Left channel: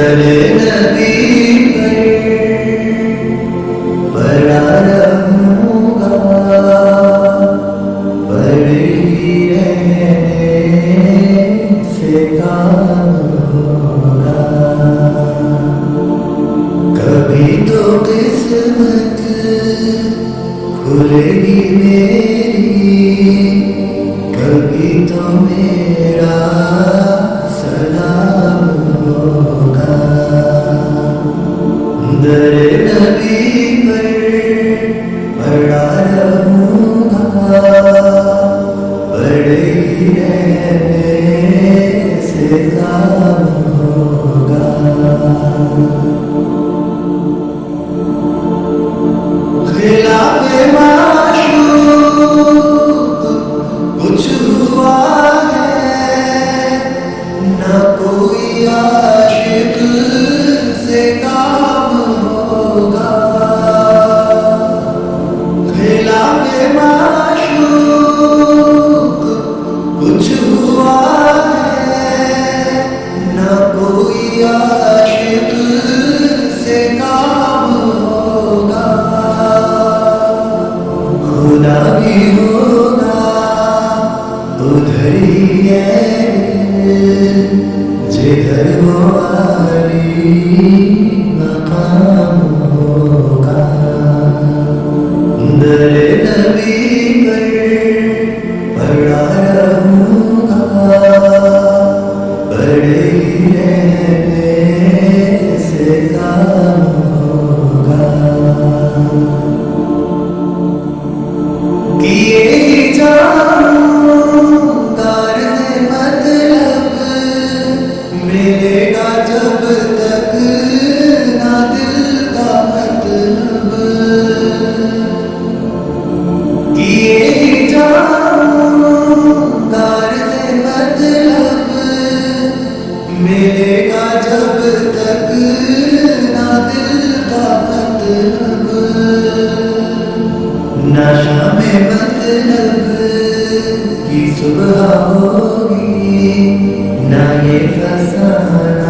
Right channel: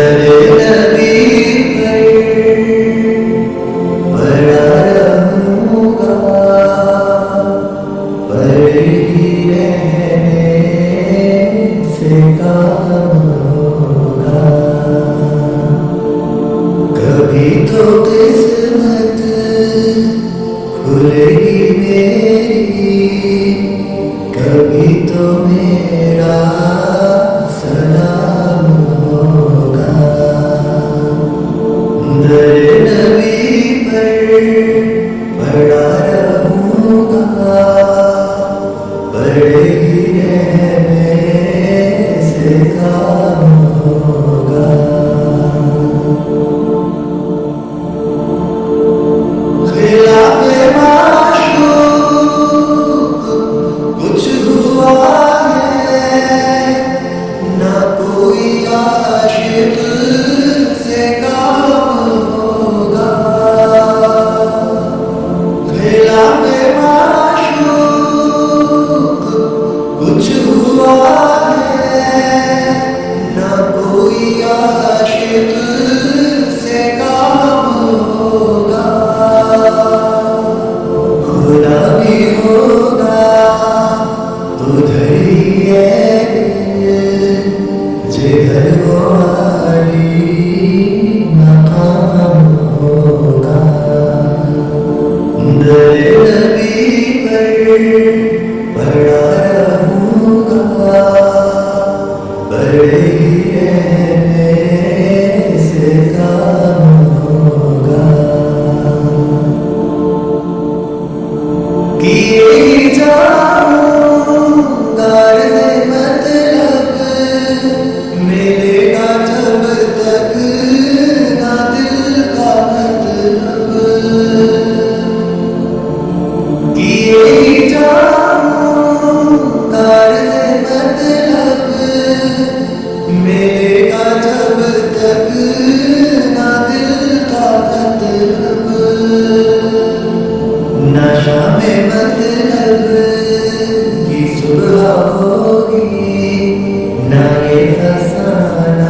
दरे नबी पर पड़ा रहूंगा, पड़े ही रहने से काम होगा। कभी तो किस्मत खुलेगी मेरी, कभी तो मेरा सलाम होगा। दरे नबी पर पड़ा रहूंगा, पड़े ही रहने से काम होगा। खिलाफे माशूक कुछ हुआ है, ना कोई आशिक से काम होगा। खिलाफे माशूक कुछ हुआ है, ना कोई आशिक से काम होगा। खुदा भी होगा उधर ही है जिधर वो आली मकाम होगा। दरे नबी पर पड़ा रहूंगा, पड़े ही रहने से काम होगा। किए ही जाऊंगा रे मतलब, मिलेगा जब तक ना दिल का मतलब। किए ही जाऊंगा रे मतलब, मिलेगा जब तक ना दिल का मतलब। नशा में मतलब की सुबह होगी, ना ये फसाना